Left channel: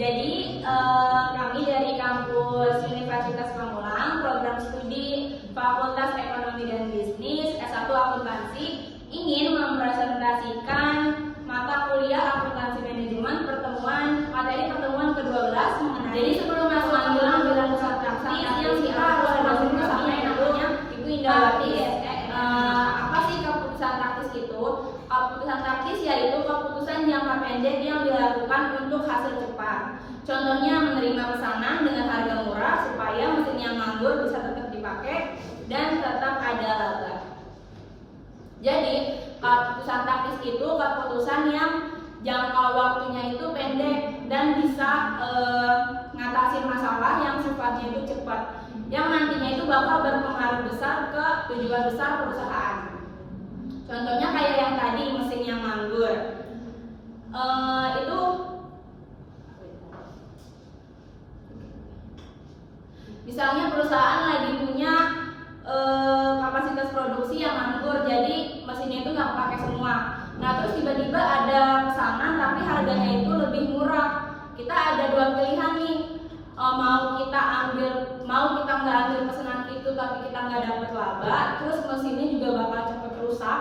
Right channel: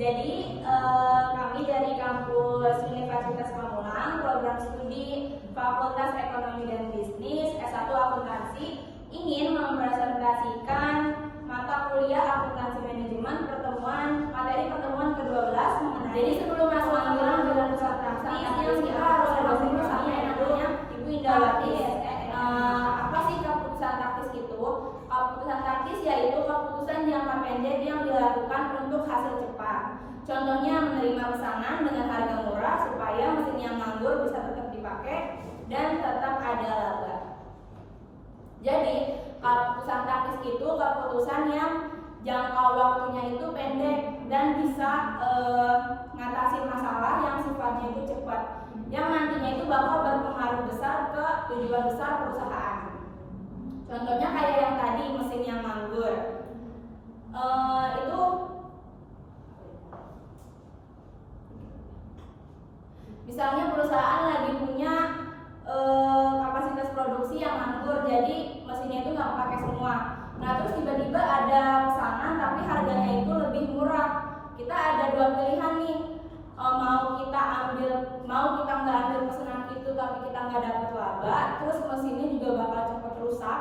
Jadi kami dari kampus Universitas Pamulang, program studi Fakultas Ekonomi dan Bisnis S1 Akuntansi, ingin mempresentasikan mata kuliah akuntansi manajemen materi pertemuan ke-12 mengenai. Jadi sebelum masuk ambilan pusat praktis yang kita harus langsung bersama yang namanya Ibu Indawati. Apa sih keputusan taktis itu? Keputusan taktis yaitu keputusan jangka pendek yang dilakukan untuk hasil cepat. Contohnya menerima pesanan dengan harga murah supaya mesin yang nganggur bisa tetap dipakai dan tetap ada laba. Jadi keputusan taktis itu keputusan yang jangka waktunya itu pendek dan bisa ngatasin masalah yang sifatnya itu cepat, yang nantinya itu bakal berpengaruh besar ke tujuan besar perusahaan. Contohnya kayak yang tadi mesin yang nganggur, itu misalnya perusahaan lagi punya kapasitas produksi yang nganggur, jadi mesinnya itu nggak pakai semua. Nah terus tiba-tiba ada pesanan tapi harganya itu lebih murah. Kita ada dua pilihan nih, mau kita nggak ambil pesanan itu tapi kita nggak dapat laba, terus mesinnya juga bakal cepat rusak.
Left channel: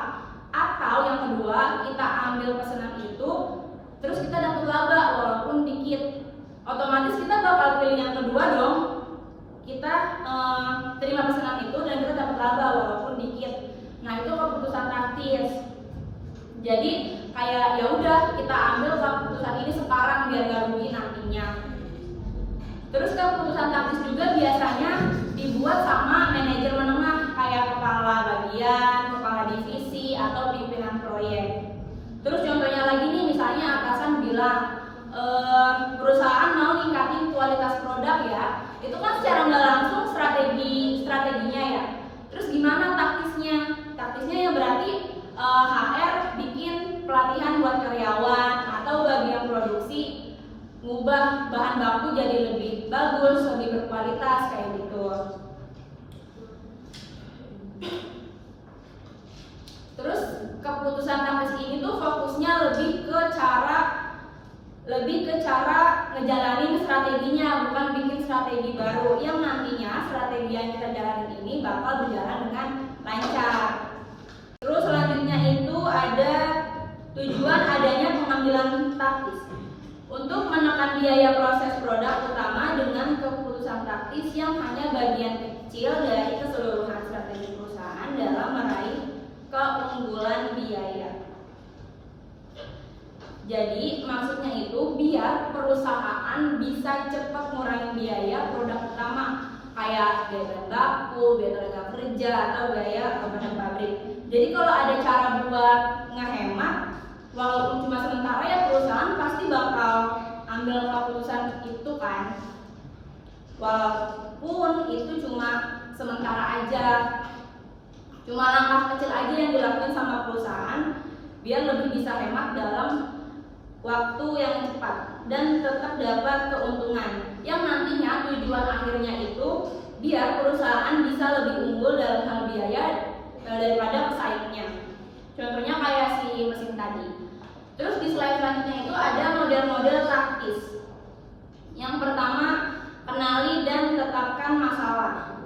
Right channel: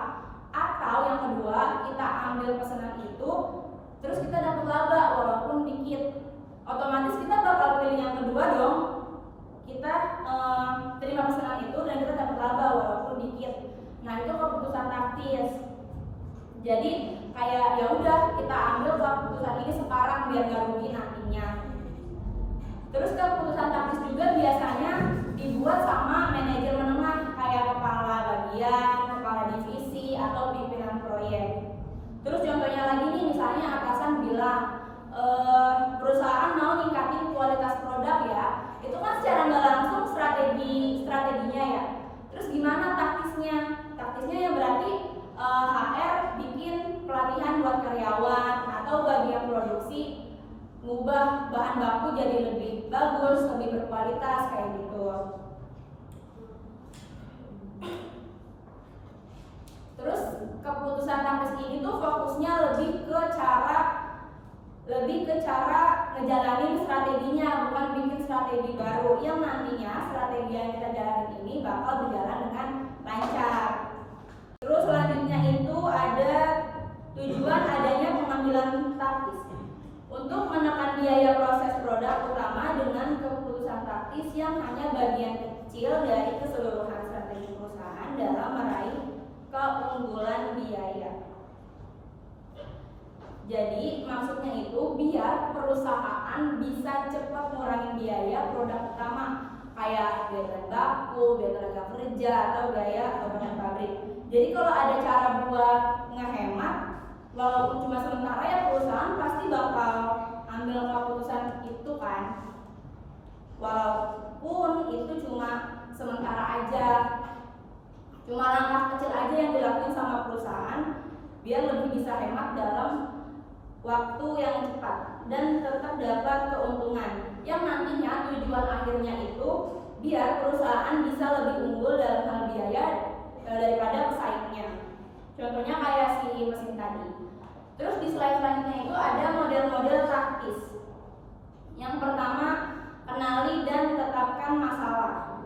Atau yang kedua, kita ambil pesanan itu terus kita dapat laba walaupun dikit. Otomatis kita bakal pilih yang kedua dong. Kita terima pesanan itu dan kita dapat laba walaupun dikit. Nah itu keputusan taktis. Jadi kayak ya udah kita ambil keputusan ini sekarang biar nggak rugi nantinya. Terus keputusan taktis juga biasanya dibuat sama manajer menengah kayak kepala bagian, kepala divisi atau pimpinan proyek. Terus contohnya lagi nih, misalnya atasan bilang perusahaan mau ningkatin kualitas produk ya, itu kan secara nggak langsung strateginya ya. Terus gimana taktisnya? Taktisnya ya berarti HR bikin pelatihan buat karyawan atau bagian produksi ngubah bahan baku jadi lebih bagus, lebih berkualitas kayak gitu. Terus keputusan taktis ini tuh fokusnya lebih ke cara ngejalanin strateginya, bukan bikin strategi baru yang nantinya strategi yang kita jalanin ini bakal berjalan dengan lancar. Terus selanjutnya itu ada tujuan adanya pengambilan taktis untuk menekan biaya proses produk utama dengan keputusan taktis yang hanya bagian kecil dari keseluruhan strategi perusahaan dalam meraih keunggulan biaya. Jadi maksudnya itu biar perusahaan bisa cepat ngurangin biaya produk utama kayak biaya bahan baku, biaya tenaga kerja atau biaya beban pabrik. Jadi kalau ada cara buat ngehemat walaupun cuma sementara ya perusahaan pasti bakal ambil keputusan itu kan. Walaupun itu cuma sementara aja. Cuma langkah kecil aja yang dilakukan sama perusahaan biar lebih bisa hemat dalam waktu yang cepat dan tetap dapat keuntungan yang nantinya tujuan akhirnya itu biar perusahaan bisa lebih unggul dalam hal biaya daripada pesaingnya. Contohnya kayak si mesin tadi. Terus di slide selanjutnya itu ada model-model taktis. Yang pertama, kenali dan tetapkan masalah.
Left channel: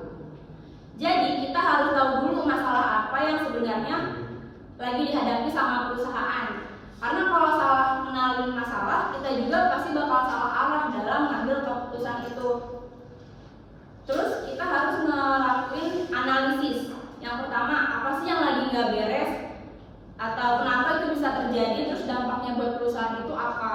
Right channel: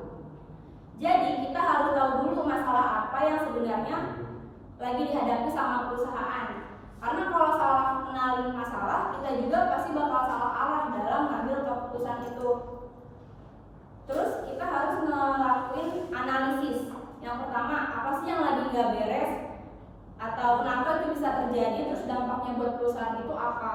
Jadi kita harus tahu dulu masalah apa yang sebenarnya lagi dihadapi sama perusahaan. Karena kalau salah mengenali masalah, kita juga pasti bakal salah arah dalam mengambil keputusan itu. Terus kita harus ngelakuin analisis. Yang pertama, apa sih yang lagi nggak beres? Atau kenapa itu bisa terjadi? Terus dampaknya buat perusahaan itu apa?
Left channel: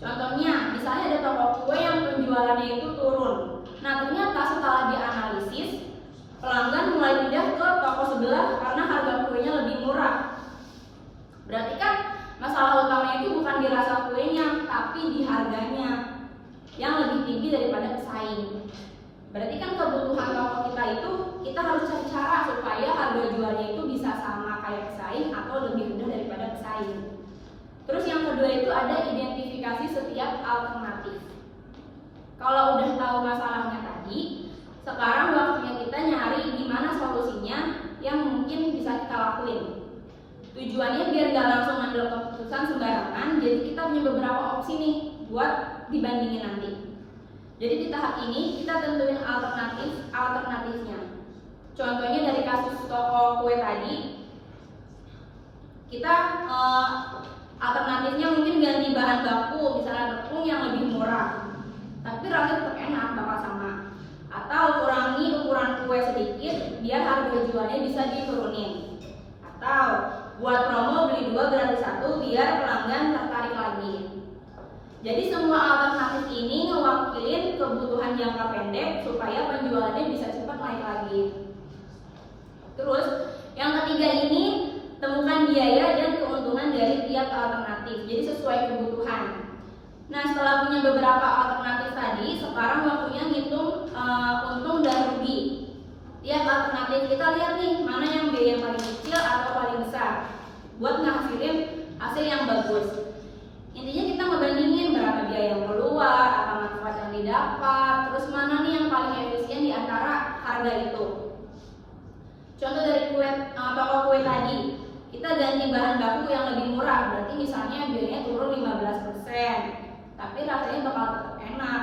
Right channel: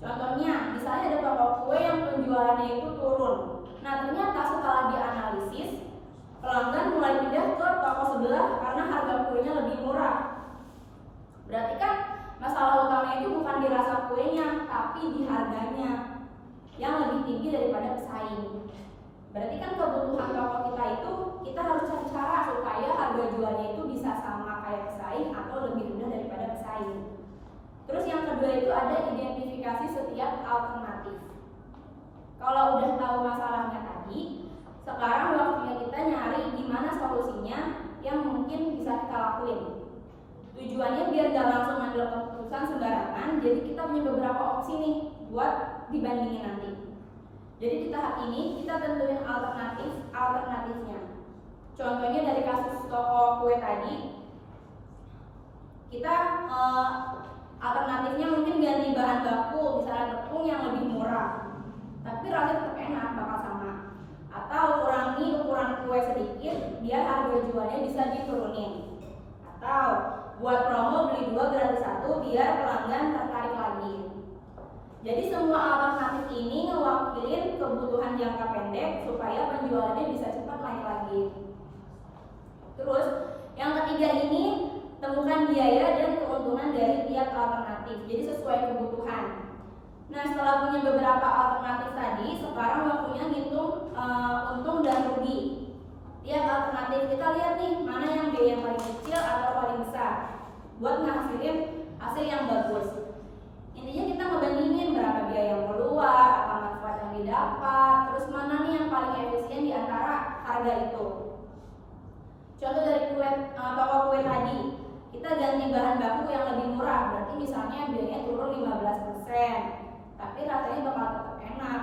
Contohnya, misalnya ada toko kue yang penjualannya itu turun. Nah ternyata setelah dianalisis, pelanggan mulai pindah ke toko sebelah karena harga kuenya lebih murah. Berarti kan masalah utamanya itu bukan di rasa kuenya, tapi di harganya yang lebih tinggi daripada pesaing. Berarti kan kebutuhan toko kita itu kita harus cari cara supaya harga jualnya itu bisa sama kayak pesaing atau lebih rendah daripada pesaing. Terus yang kedua itu ada identifikasi setiap alternatif. Kalau udah tahu masalahnya tadi, sekarang waktunya kita nyari gimana solusinya yang mungkin bisa kita lakuin. Tujuannya biar gak langsung ambil keputusan sembarangan, jadi kita punya beberapa opsi nih. buat dibandingin nanti. Jadi di tahap ini kita tentuin alternatifnya. Contohnya dari kasus toko kue tadi, kita alternatifnya mungkin ganti bahan baku, misalnya tepung yang lebih murah, tapi rasanya tetap enak, bakal sama. Atau kurangi ukuran kue sedikit biar harga jualnya bisa diturunin. Atau buat promo beli 2 gratis 1 biar pelanggan tertarik lagi. Jadi semua alternatif ini mewakili kebutuhan jangka pendek supaya penjualannya bisa cepat naik lagi. Terus yang ketiga ini, temukan biaya dan keuntungan dari tiap alternatif. Jadi sesuai kebutuhan. Nah, setelah punya beberapa alternatif tadi, sekarang waktunya ngitung untung dan rugi. Tiap alternatif kita lihat nih mana yang biaya paling kecil atau paling besar buat ngasilin hasil yang bagus. Intinya kita ngebandingin berapa biaya yang keluar, apa manfaat yang didapat, terus mana nih yang paling efisien di antara harga itu. Contoh dari toko kue tadi, kita ganti bahan baku yang lebih murah, berarti misalnya biayanya turun 15%, tapi rasanya bakal tetap enak.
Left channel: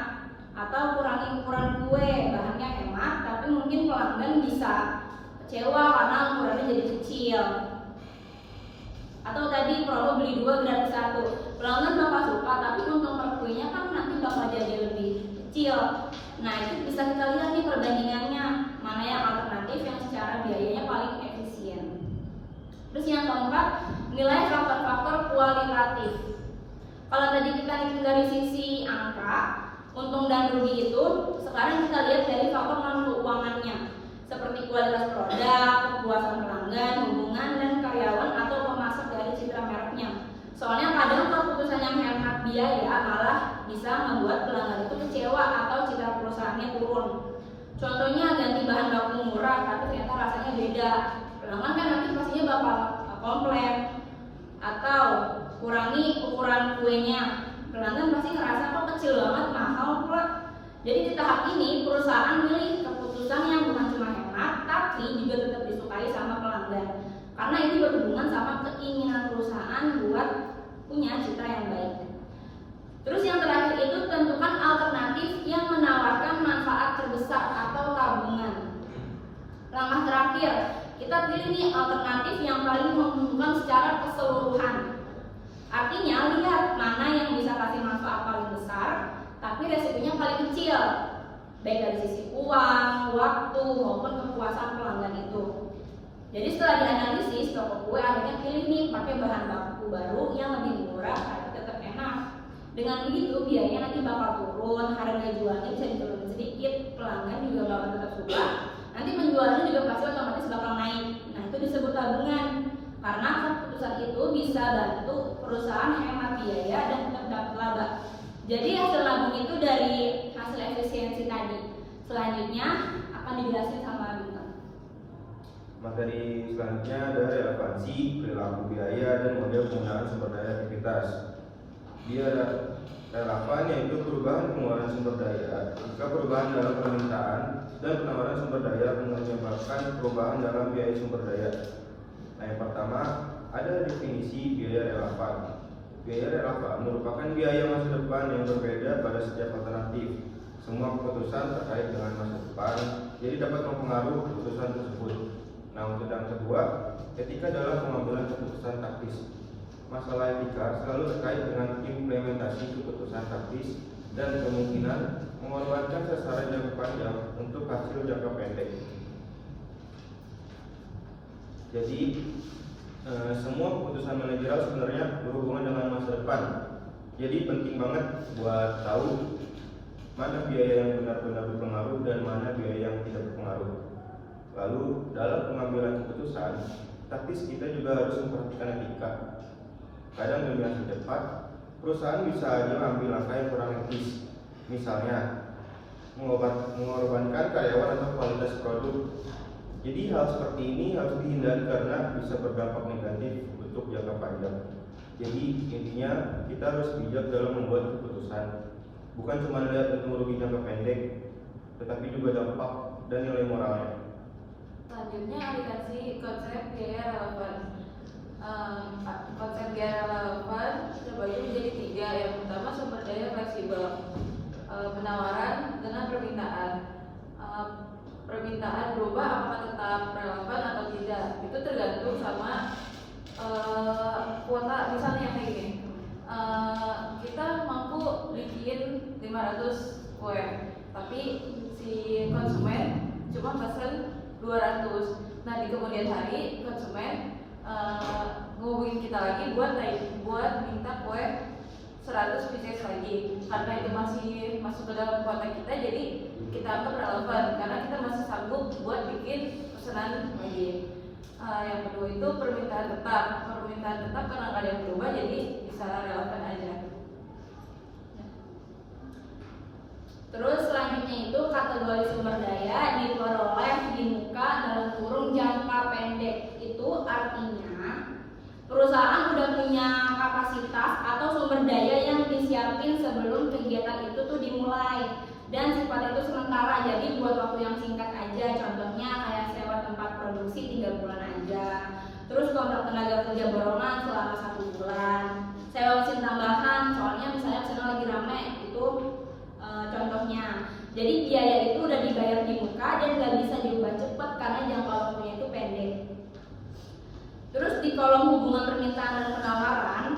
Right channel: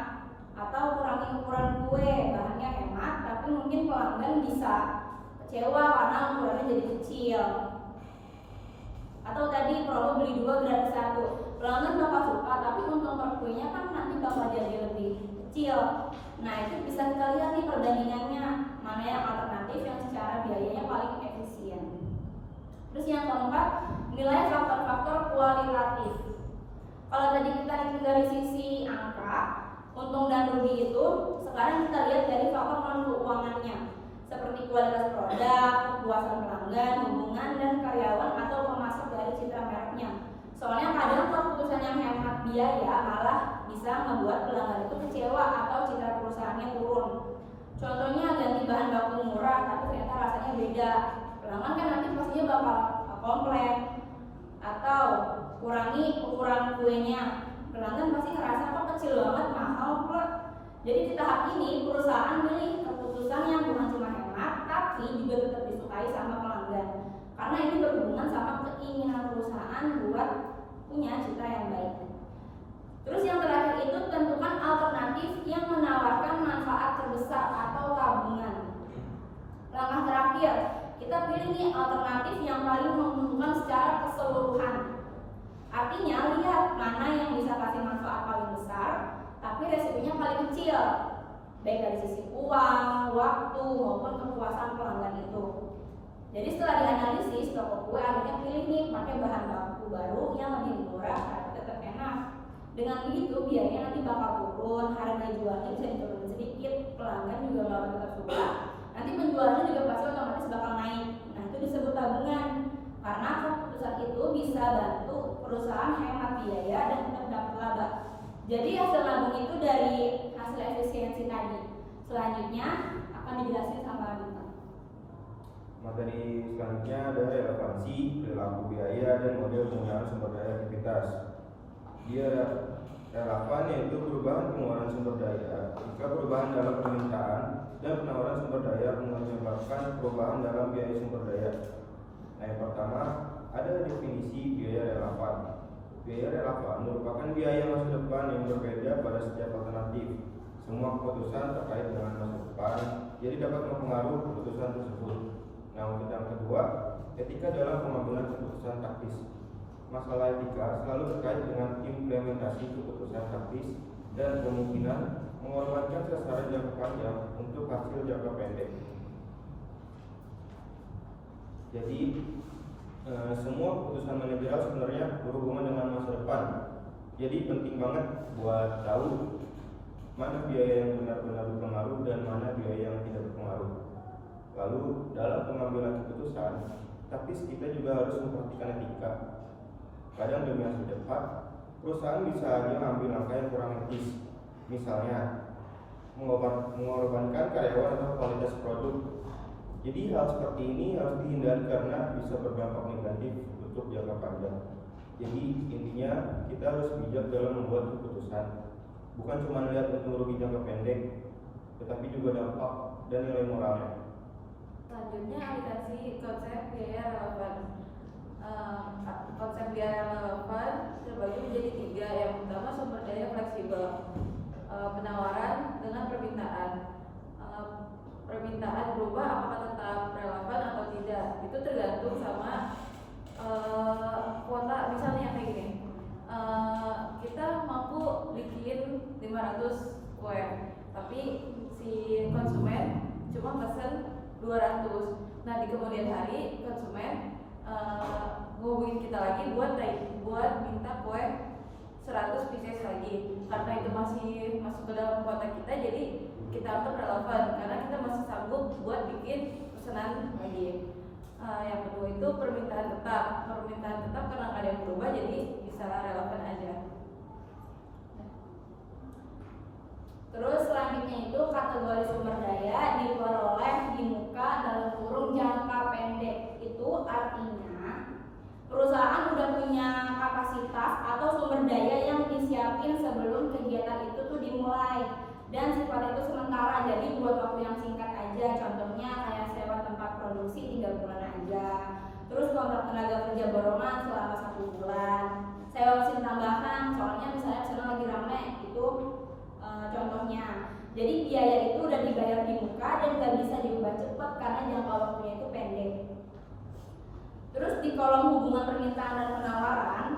Atau kurangi ukuran kue, bahannya hemat, tapi mungkin pelanggan bisa kecewa karena ukurannya jadi kecil. Atau tadi promo beli 2 gratis 1, pelanggan bakal suka, tapi untung per kuenya kan nanti bakal jadi lebih kecil. Nah, itu bisa kita lihat nih perbandingannya, mana yang alternatif yang secara biayanya paling efisien. Terus yang keempat, nilai faktor-faktor kualitatif. Kalau tadi kita hitung dari sisi angka, untung dan rugi itu, sekarang kita lihat dari faktor non-keuangannya, seperti kualitas produk, kepuasan pelanggan, hubungan dan karyawan atau pemasok dari citra mereknya. Soalnya kadang keputusan yang hemat biaya malah bisa membuat pelanggan itu kecewa atau citra perusahaannya turun. Contohnya ganti bahan baku murah tapi ternyata rasanya beda, pelanggan kan nanti pastinya bakal komplain. Atau kurangi ukuran kuenya, pelanggan pasti ngerasa kok kecil banget, mahal pula. Jadi di tahap ini perusahaan milih keputusan yang bukan cuma hemat tapi juga tetap disukai sama pelanggan, karena ini berhubungan sama keinginan perusahaan buat punya citra yang baik. Terus yang terakhir itu tentukan alternatif yang menawarkan manfaat terbesar atau tabungan. Langkah terakhir, kita pilih nih alternatif yang paling menguntungkan secara keseluruhan. Artinya lihat mana yang bisa kasih manfaat paling besar tapi resikonya paling kecil, baik dari sisi uang, waktu maupun kepuasan pelanggan itu. Jadi setelah dianalisis, toko kue akhirnya pilih nih pakai bahan baku baru yang lebih murah tapi tetap enak. Dengan begitu biayanya nanti bakal turun, harga jualnya bisa diturunin sedikit, pelanggan juga bakal tetap suka. Nanti penjualannya juga pasti otomatis bakal naik. Nah, itu disebut tabungan, karena keputusan itu bisa bantu perusahaan hemat biaya dan tetap dapat laba. Jadi hasil nabung itu dari hasil efisiensi tadi. Selanjutnya akan dijelasin sama Bintang. Materi selanjutnya ada relevansi, perilaku biaya, dan model penggunaan sumber daya aktivitas. Dia relevan yaitu perubahan pengeluaran sumber daya. Jika perubahan dalam permintaan dan penawaran sumber daya menyebabkan perubahan dalam biaya sumber daya. Nah, yang pertama ada definisi biaya relevan. Biaya relevan merupakan biaya masa depan yang berbeda pada setiap alternatif. Semua keputusan terkait dengan masa depan, jadi dapat mempengaruhi keputusan tersebut. Nah, untuk yang kedua, etika dalam pengambilan keputusan taktis. Masalah etika selalu terkait dengan implementasi keputusan taktis dan kemungkinan mengorbankan sasaran jangka panjang untuk hasil jangka pendek. Jadi semua keputusan manajerial sebenarnya berhubungan dengan masa depan. Jadi penting banget buat tahu mana biaya yang benar-benar berpengaruh dan mana biaya yang tidak berpengaruh. Lalu dalam pengambilan keputusan taktis kita juga harus memperhatikan etika. Kadang demi hasil cepat, perusahaan bisa aja mengambil langkah yang kurang etis. Misalnya mengorbankan karyawan atau kualitas produk. Jadi hal seperti ini harus dihindari karena bisa berdampak negatif untuk jangka panjang. Jadi intinya kita harus bijak dalam membuat keputusan. Bukan cuma lihat untung rugi jangka pendek, tetapi juga dampak dan nilai moralnya. Selanjutnya aplikasi konsep biaya relevan. Konsep biaya relevan terbagi menjadi 3. Yang pertama, sumber daya fleksibel, penawaran dengan permintaan. Permintaan berubah apakah tetap relevan atau tidak, itu tergantung sama kuota. Misalnya kayak gini, kita mampu bikin 500 kue, tapi si konsumen cuma pesen 200. Nah, di kemudian hari konsumen ngehubungin kita lagi buat minta kue 100 pieces lagi. Karena itu masih masuk ke dalam kuota kita, jadi kita anggap relevan karena kita masih sanggup buat bikin pesanan lagi. Yang kedua itu permintaan tetap. Permintaan tetap karena nggak ada yang berubah, jadi bisa relevan aja. Terus selanjutnya itu kategori sumber daya diperoleh di muka dalam kurung jangka pendek. Itu artinya perusahaan udah punya kapasitas atau sumber daya yang disiapin sebelum kegiatan itu tuh dimulai, dan sifat itu sementara, jadi buat waktu yang singkat aja. Contohnya kayak sewa tempat produksi 3 bulan aja, terus kontrak tenaga kerja borongan selama 1 bulan, sewa mesin tambahan soalnya misalnya mesinnya lagi rame, itu contohnya. Jadi biaya itu udah dibayar di muka dan gak bisa diubah cepat karena jangka waktunya itu pendek. Terus di kolom hubungan permintaan dan penawaran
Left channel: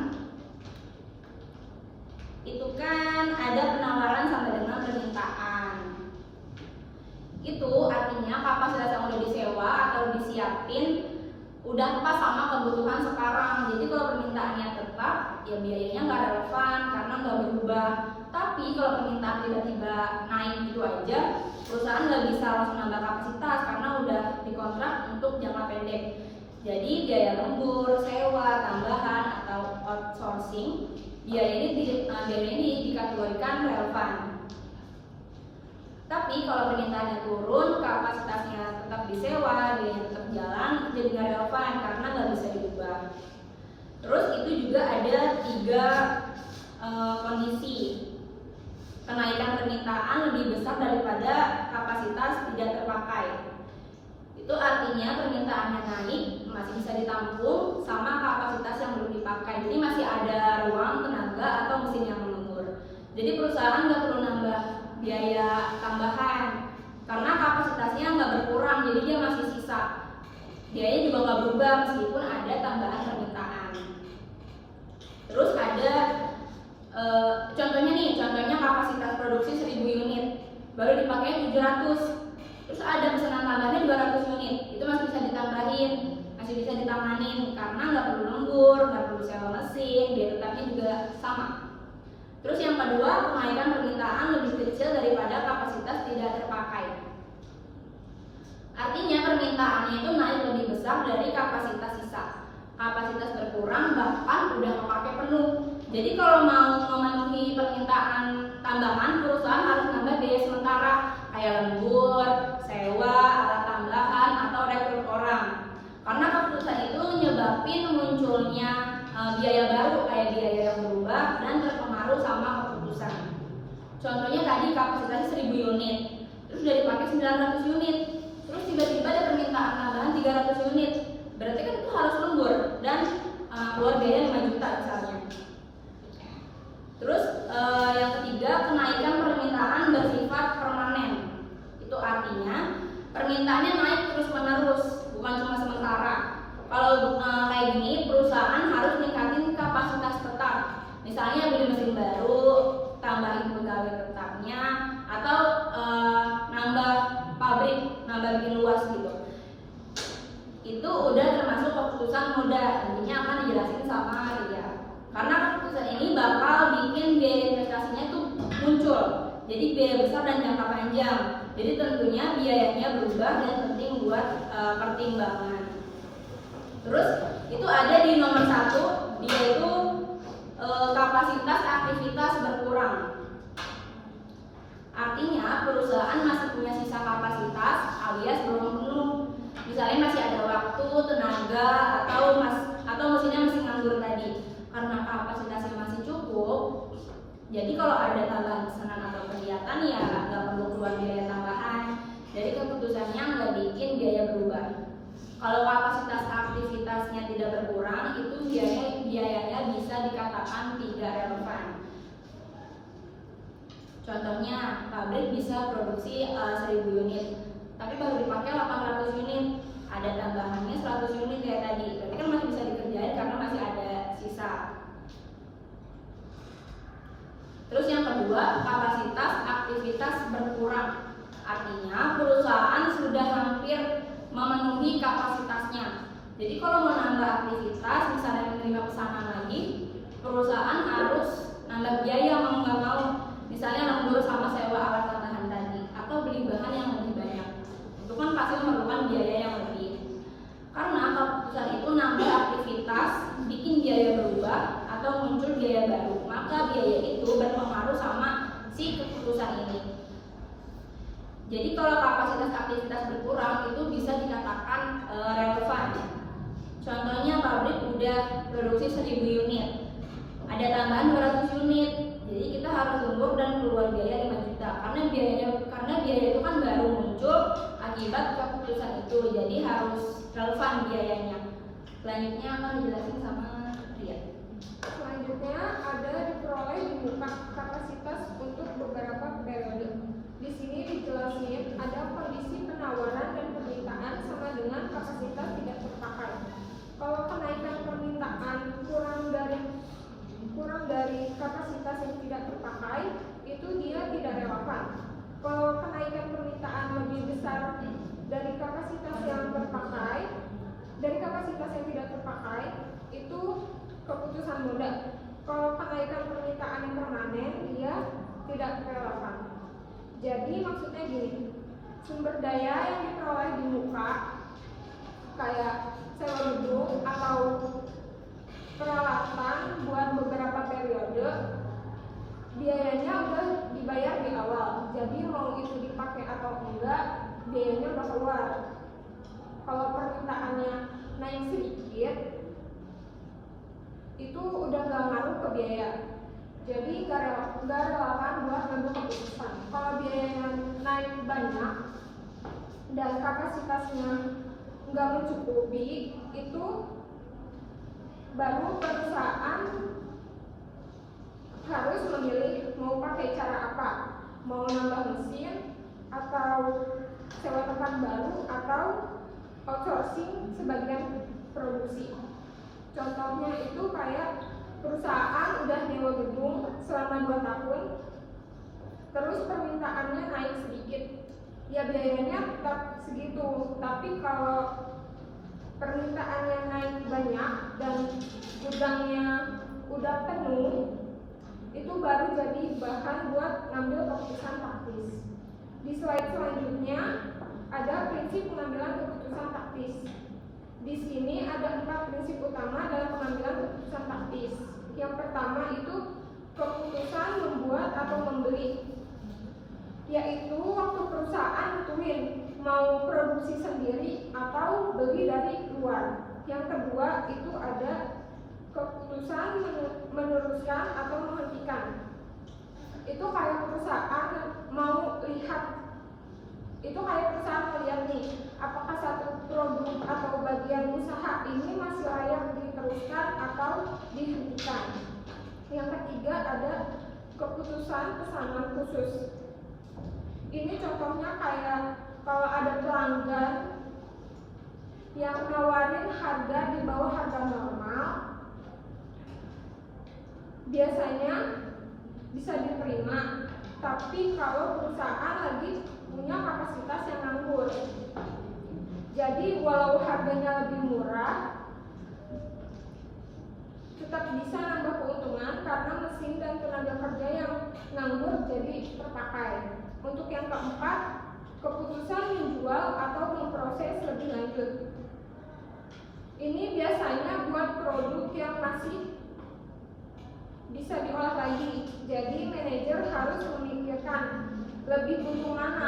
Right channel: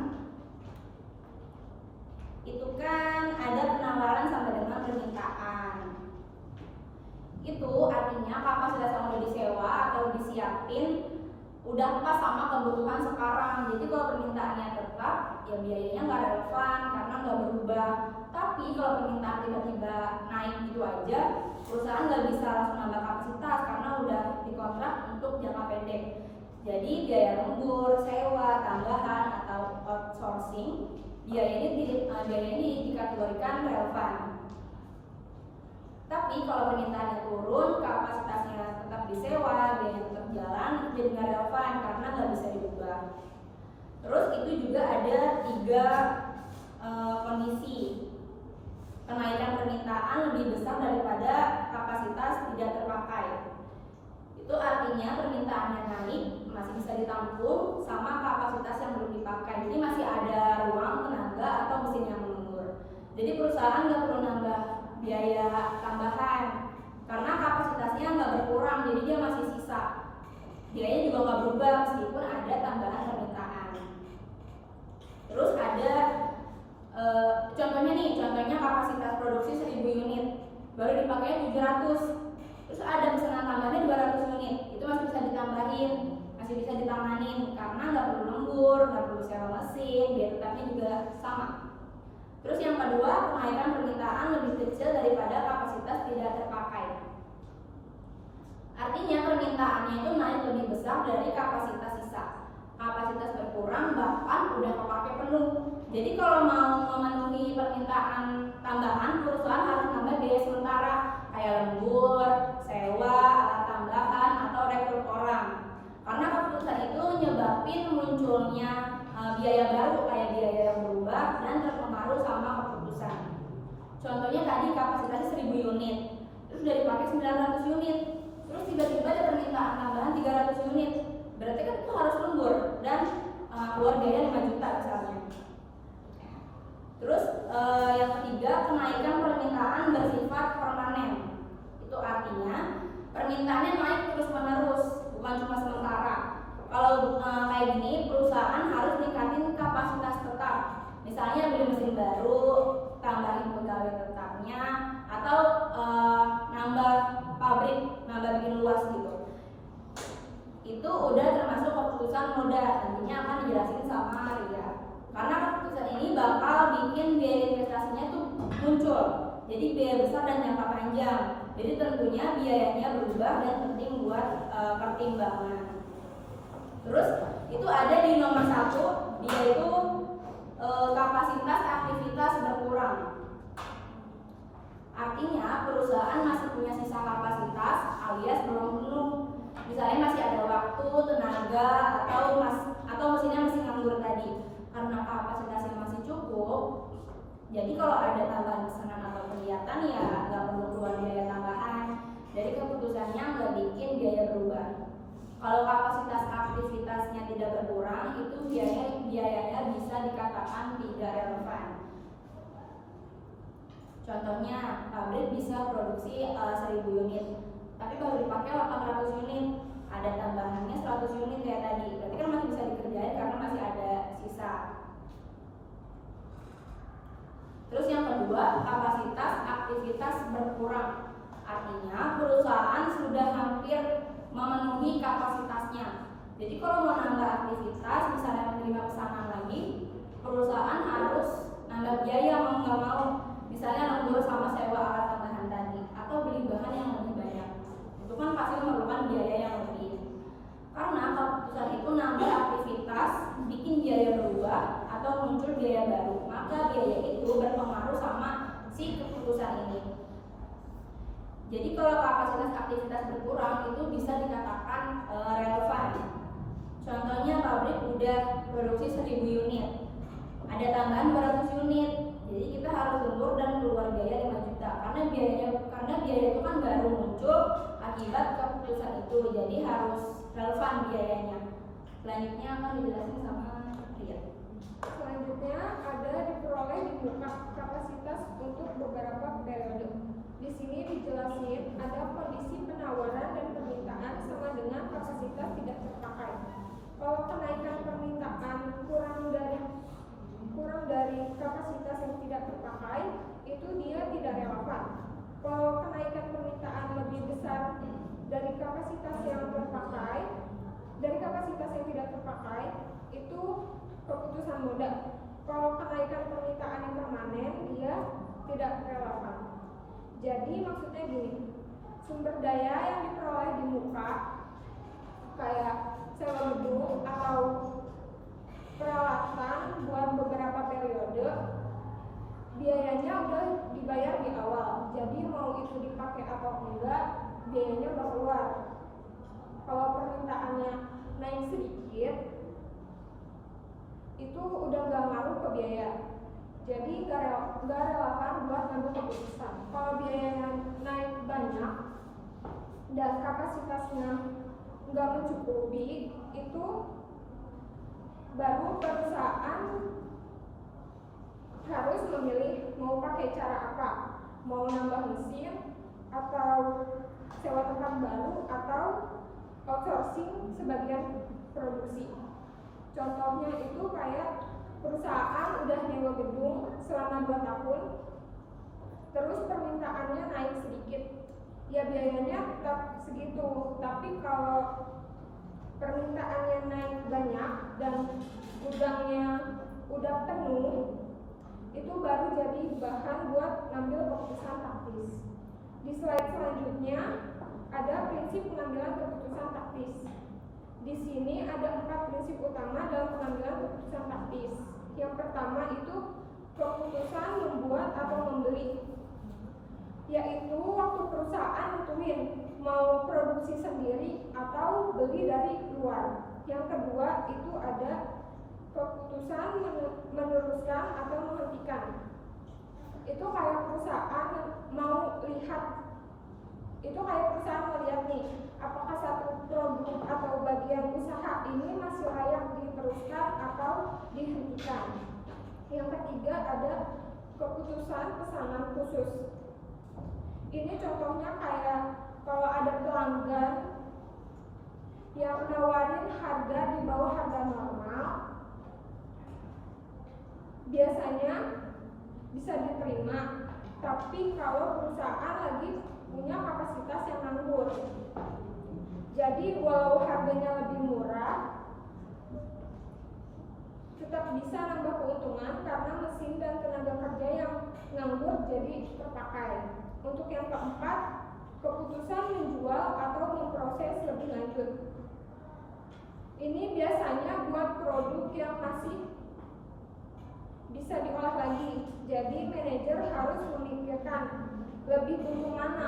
itu kan ada penawaran sama dengan permintaan. Itu artinya kapasitas yang udah disewa atau disiapin udah pas sama kebutuhan sekarang. Jadi kalau permintaannya tetap, ya biayanya nggak relevan karena nggak berubah. Tapi kalau permintaan tiba-tiba naik gitu aja, perusahaan nggak bisa langsung nambah kapasitas karena udah dikontrak untuk jangka pendek. Jadi biaya lembur, sewa, tambahan atau outsourcing, biaya ini dikategorikan relevan. Tapi kalau permintaannya turun, kapasitasnya tetap disewa, biaya tetap jalan, jadi nggak relevan karena nggak bisa diubah. Terus itu juga ada 3 kondisi. Kenaikan permintaan lebih besar daripada kapasitas tidak terpakai. Itu artinya permintaannya naik, masih bisa ditampung sama kapasitas yang belum dipakai. Jadi masih ada ruang tenaga atau mesin yang lembur. Jadi perusahaan nggak perlu nambah biaya tambahan karena kapasitasnya nggak berkurang, jadi dia masih sisa. Biayanya juga nggak berubah meskipun ada tambahan permintaan. Terus ada contohnya kapasitas produksi 1000 unit, baru dipakai 700. Terus ada pesanan tambahannya 200 unit, itu masih bisa ditambahin, masih bisa ditanganin karena nggak perlu lembur, nggak perlu sewa mesin, biaya tetapnya juga sama. Terus yang kedua, kenaikan permintaan lebih kecil daripada kapasitas tidak terpakai. Artinya permintaannya itu naik lebih besar dari kapasitas sisa. Kapasitas berkurang bahkan udah kepake penuh. Jadi kalau mau memenuhi permintaan tambahan, perusahaan harus nambah biaya sementara kayak lembur, sewa, alat tambahan atau rekrut orang. Karena keputusan itu menyebabkan munculnya biaya baru kayak biaya yang berubah dan terpengaruh sama keputusan. Contohnya tadi kapasitasnya 1000 unit, terus udah dipakai 900 unit, terus tiba-tiba ada permintaan tambahan 300 unit, berarti kan itu harus lembur dan keluar biaya 5 juta misalnya. Terus yang ketiga, kenaikan permintaan bersifat permanen. Itu artinya permintaannya naik terus menerus, bukan cuma sementara. Kalau kayak gini, perusahaan harus ningkatin kapasitas tetap. Misalnya beli mesin baru, tambahin pegawai tetapnya, atau nambah pabrik, nambah bikin luas gitu. Itu udah termasuk keputusan moda, nantinya akan dijelasin sama Ria. Karena keputusan ini bakal bikin biaya investasinya tuh muncul, jadi biaya besar dan jangka panjang. Jadi tentunya biayanya berubah dan penting buat pertimbangan. Terus itu ada di nomor 1, dia itu kapasitas aktivitas berkurang. Artinya perusahaan masih punya sisa kapasitas alias belum penuh. Misalnya masih ada waktu, tenaga, atau mesinnya masih nganggur tadi. Karena kapasitasnya masih cukup, jadi kalau ada tambahan pesanan atau kegiatan ya nggak perlu keluar biaya tambahan. Jadi keputusannya nggak bikin biaya berubah. Kalau kapasitas aktivitas kapasitasnya tidak berkurang, itu biayanya bisa dikatakan tidak relevan. Contohnya, pabrik bisa produksi 1000 unit, tapi baru dipakai 800 unit, ada tambahannya 100 unit kayak tadi. Berarti kan masih bisa dikerjain karena masih ada sisa. Terus yang kedua, kapasitas aktivitas berkurang. Artinya perusahaan sudah hampir memenuhi kapasitasnya. Jadi kalau mau nambah aktivitas, misalnya menerima pesanan lagi, perusahaan harus nambah biaya mau nggak mau. Misalnya lembur sama sewa alat tambahan tadi, atau beli bahan yang lebih banyak. Itu kan pasti memerlukan biaya yang lebih. Karena keputusan itu nambah aktivitas, bikin biaya berubah atau muncul biaya baru, maka biaya itu berpengaruh sama si keputusan ini. Jadi kalau kapasitas aktivitas berkurang itu bisa dikatakan relevan. Contohnya pabrik udah produksi 1000 unit, ada tambahan 200 unit, jadi kita harus lembur dan keluar biaya 5 juta karena biaya itu kan baru muncul akibat keputusan itu, jadi harus relevan biayanya. Selanjutnya akan dijelasin sama Ria. Selanjutnya ada diperoleh di muka kapasitas untuk beberapa periode. Di sini dijelasin ada kondisi penawaran dan permintaan sama dengan kapasitas tidak terpakai. Kalau kenaikan permintaan kurang dari kapasitas yang tidak terpakai, itu dia tidak relevan. Kalau kenaikan permintaan lebih besar dari kapasitas yang tidak terpakai, itu keputusan modal. Kalau kenaikan permintaan yang permanen, dia tidak relevan. Jadi maksudnya gini, sumber daya yang diperoleh di muka kayak sewa gedung atau peralatan buat beberapa periode, biayanya udah dibayar di awal. Jadi mau itu dipakai atau enggak, biayanya udah keluar. Kalau permintaannya naik sedikit, itu udah gak ngaruh ke biaya. Jadi gak relevan buat ngambil keputusan. Kalau biayanya naik banyak dan kapasitasnya nggak mencukupi, itu baru perusahaan harus memilih mau pakai cara apa, mau nambah mesin atau sewa tempat baru atau outsourcing sebagian produksi. Contohnya itu kayak perusahaan udah nyewa gedung selama 2 tahun, terus permintaannya naik sedikit, ya biayanya tetap segitu. Tapi kalau permintaannya naik banyak dan gudangnya udah penuh, itu baru jadi bahan buat ngambil keputusan taktis. Di slide selanjutnya ada prinsip pengambilan keputusan taktis. Di sini ada 4 prinsip utama dalam pengambilan keputusan taktis. Yang pertama itu keputusan membuat atau membeli, yaitu waktu perusahaan nentuin mau produksi sendiri atau beli dari luar. Yang kedua itu ada keputusan meneruskan atau menghentikan. Itu kayak perusahaan mau lihat, itu kayak perusahaan melihat nih, apakah satu produk atau bagian usaha ini masih layak diteruskan atau dihentikan. Yang ketiga ada keputusan pesanan khusus. Ini contohnya kayak kalau ada pelanggan yang nawarin harga di bawah harga normal, biasanya bisa diterima. Tapi kalau perusahaan lagi punya kapasitas yang nganggur, jadi walau harganya lebih murah, tetap bisa nambah keuntungan karena mesin dan tenaga kerja yang nganggur jadi terpakai. Untuk yang keempat, keputusan menjual atau memproses lebih lanjut. Ini biasanya buat produk yang masih bisa diolah lagi. Jadi manajer harus memikirkan lebih butuh mana,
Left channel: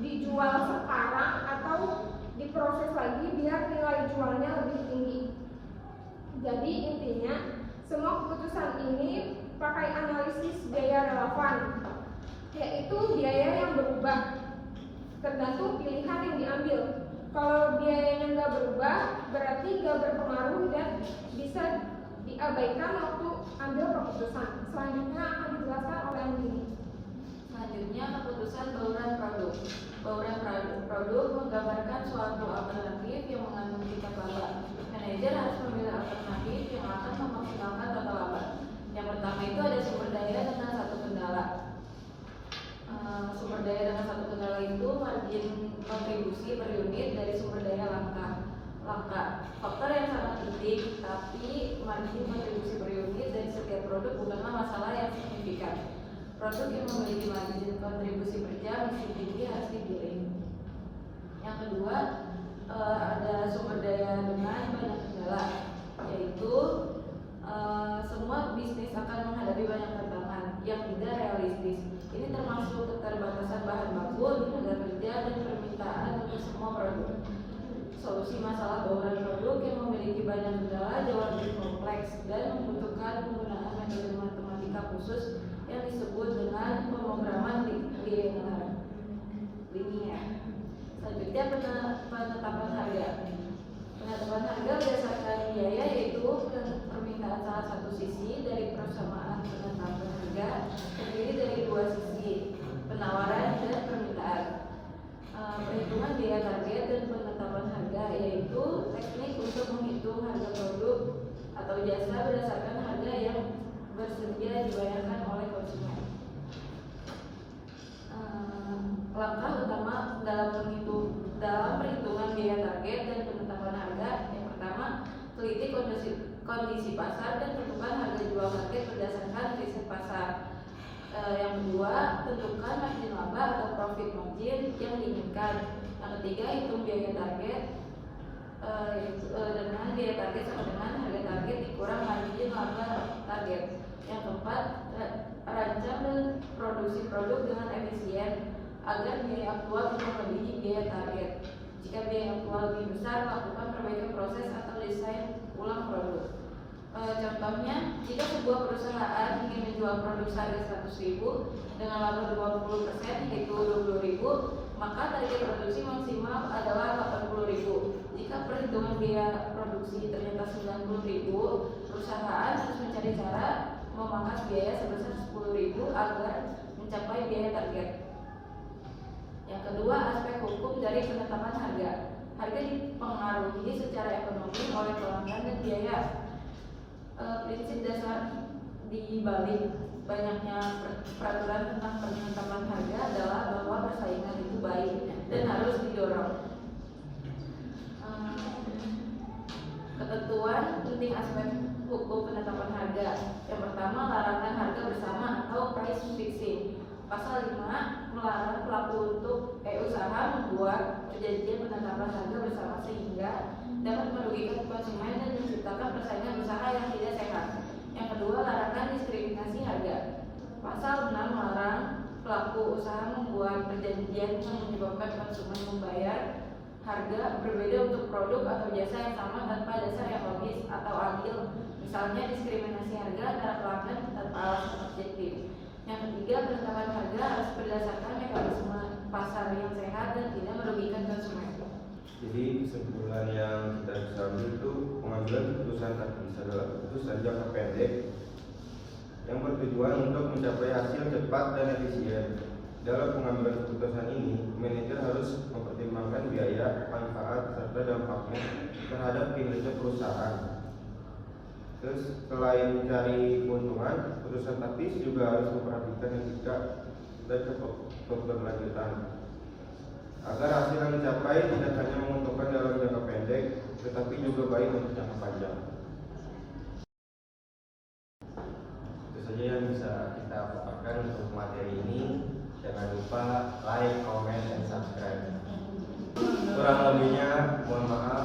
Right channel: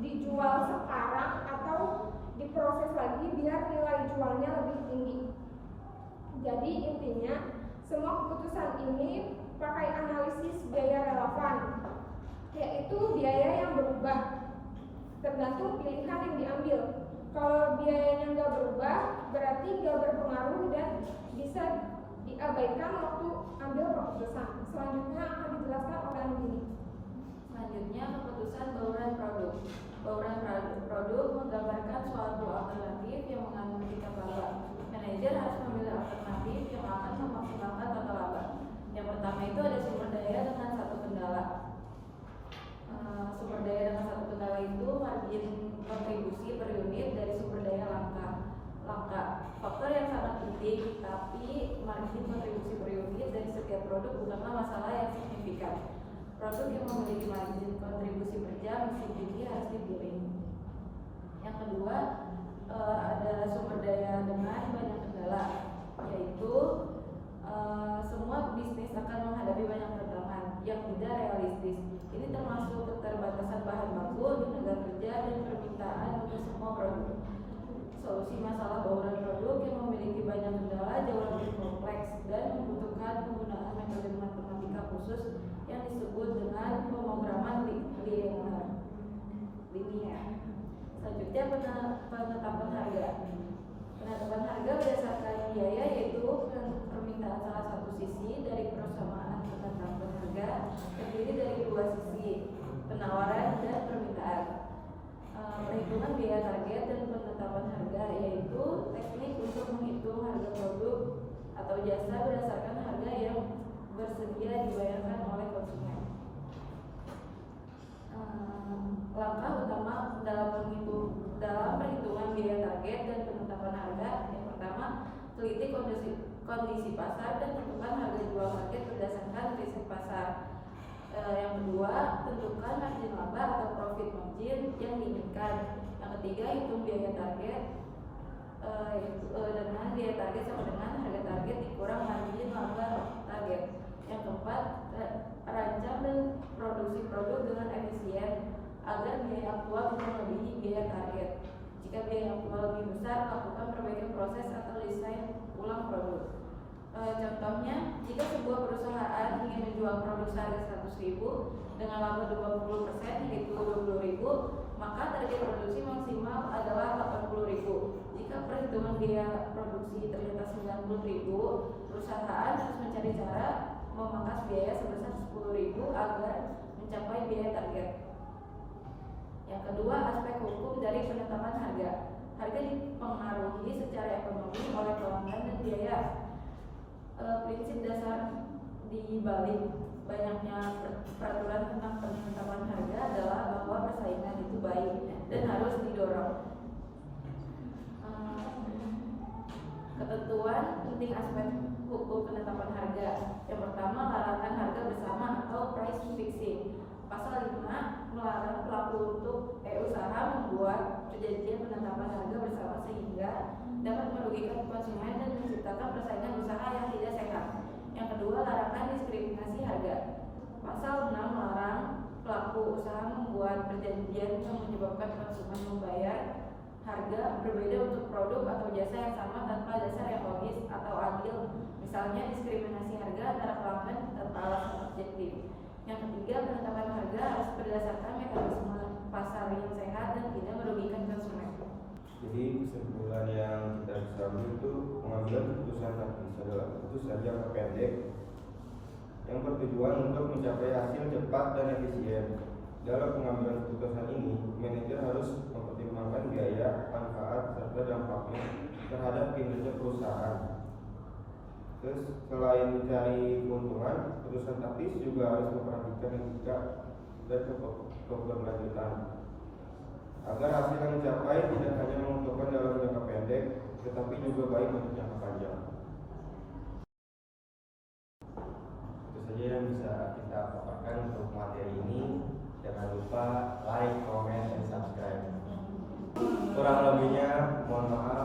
dijual sekarang atau diproses lagi biar nilai jualnya lebih tinggi. Jadi intinya semua keputusan ini pakai analisis biaya relevan, yaitu biaya yang berubah tergantung pilihan yang diambil. Kalau biayanya nggak berubah, berarti nggak berpengaruh dan bisa diabaikan waktu ambil keputusan. Selanjutnya akan dijelaskan oleh Andini. Selanjutnya, keputusan bauran produk. Bauran produk menggambarkan suatu alternatif yang mengandung tingkat laba. Manajer harus memilih alternatif yang akan memaksimalkan total laba. Yang pertama itu ada sumber daya dengan satu kendala. Sumber daya dengan satu kendala itu margin kontribusi per unit dari sumber daya langka. Faktor yang sangat penting, tapi margin kontribusi per unit dari setiap produk bukanlah masalah yang signifikan. Produk yang memiliki margin kontribusi per jam meski tinggi harus dipilih. Yang kedua, ada sumber daya dengan banyak kendala, yaitu semua bisnis akan menghadapi banyak tantangan yang tidak realistis. Ini termasuk keterbatasan bahan baku, tenaga kerja, dan permintaan untuk semua produk. Solusi masalah bauran produk yang memiliki banyak kendala jauh lebih kompleks dan membutuhkan penggunaan metode matematika khusus yang disebut dengan pemrograman linier. Selanjutnya, penetapan harga. Penetapan harga berdasarkan biaya, yaitu permintaan salah satu sisi dari persamaan penetapan harga terdiri dari dua sisi, penawaran dan permintaan. Perhitungan biaya target dan penetapan harga, yaitu teknik untuk menghitung harga produk atau jasa berdasarkan harga yang bersedia dibayarkan oleh konsumen. Langkah utama dalam perhitungan biaya target dan penetapan harga. Yang pertama, teliti kondisi pasar dan tentukan harga jual target berdasarkan riset pasar. Yang kedua, tentukan margin laba atau profit margin yang diinginkan. Yang ketiga, hitung biaya target dengan biaya target sama dengan harga target dikurang margin laba target. Yang keempat, rancang dan produksi produk dengan efisien agar biaya aktual tidak melebihi biaya target. Jika biaya aktual lebih besar, lakukan perbaikan proses atau desain ulang produk. Contohnya, jika sebuah perusahaan ingin menjual produk seharga 100.000 dengan laba 20%, yaitu 20.000, maka target produksi maksimal adalah 80.000. Jika perhitungan biaya produksi ternyata 90.000, perusahaan harus mencari cara memangkas biaya sebesar 10.000 agar mencapai biaya target. Yang kedua, aspek hukum dari penetapan harga. Harga dipengaruhi secara ekonomi oleh pelanggan dan biaya. Prinsip dasar di balik banyaknya peraturan tentang penetapan harga adalah bahwa persaingan itu baik dan harus didorong. Ketentuan penting aspek hukum penetapan harga. Yang pertama, larangan harga bersama atau price fixing. Pasal 5 melarang pelaku untuk usaha membuat perjanjian penetapan harga bersama sehingga dapat merugikan konsumen dan menciptakan persaingan usaha yang tidak sehat. Yang kedua, larangan diskriminasi harga. Pasal 6 melarang pelaku usaha membuat perjanjian yang menyebabkan konsumen membayar harga berbeda untuk produk atau jasa yang sama tanpa dasar yang logis atau adil. Misalnya diskriminasi harga antara pelanggan tanpa alasan objektif. Yang ketiga, penetapan harga harus berdasarkan mekanisme pasar yang sehat dan tidak merugikan konsumen. Jadi kesimpulan yang kita bisa ambil itu pengambilan keputusan taktis adalah keputusan jangka pendek yang bertujuan untuk mencapai hasil cepat dan efisien. Dalam pengambilan keputusan ini, manajer harus mempertimbangkan biaya, manfaat, serta dampaknya terhadap kinerja perusahaan. Terus selain mencari keuntungan, keputusan taktis juga harus memperhatikan etika dan keberlanjutan agar hasil yang dicapai tidak hanya menguntungkan dalam jangka pendek, tetapi juga baik untuk jangka panjang. Itu saja yang bisa kita paparkan untuk materi ini. Jangan lupa like, comment, dan subscribe. Kurang lebihnya mohon maaf.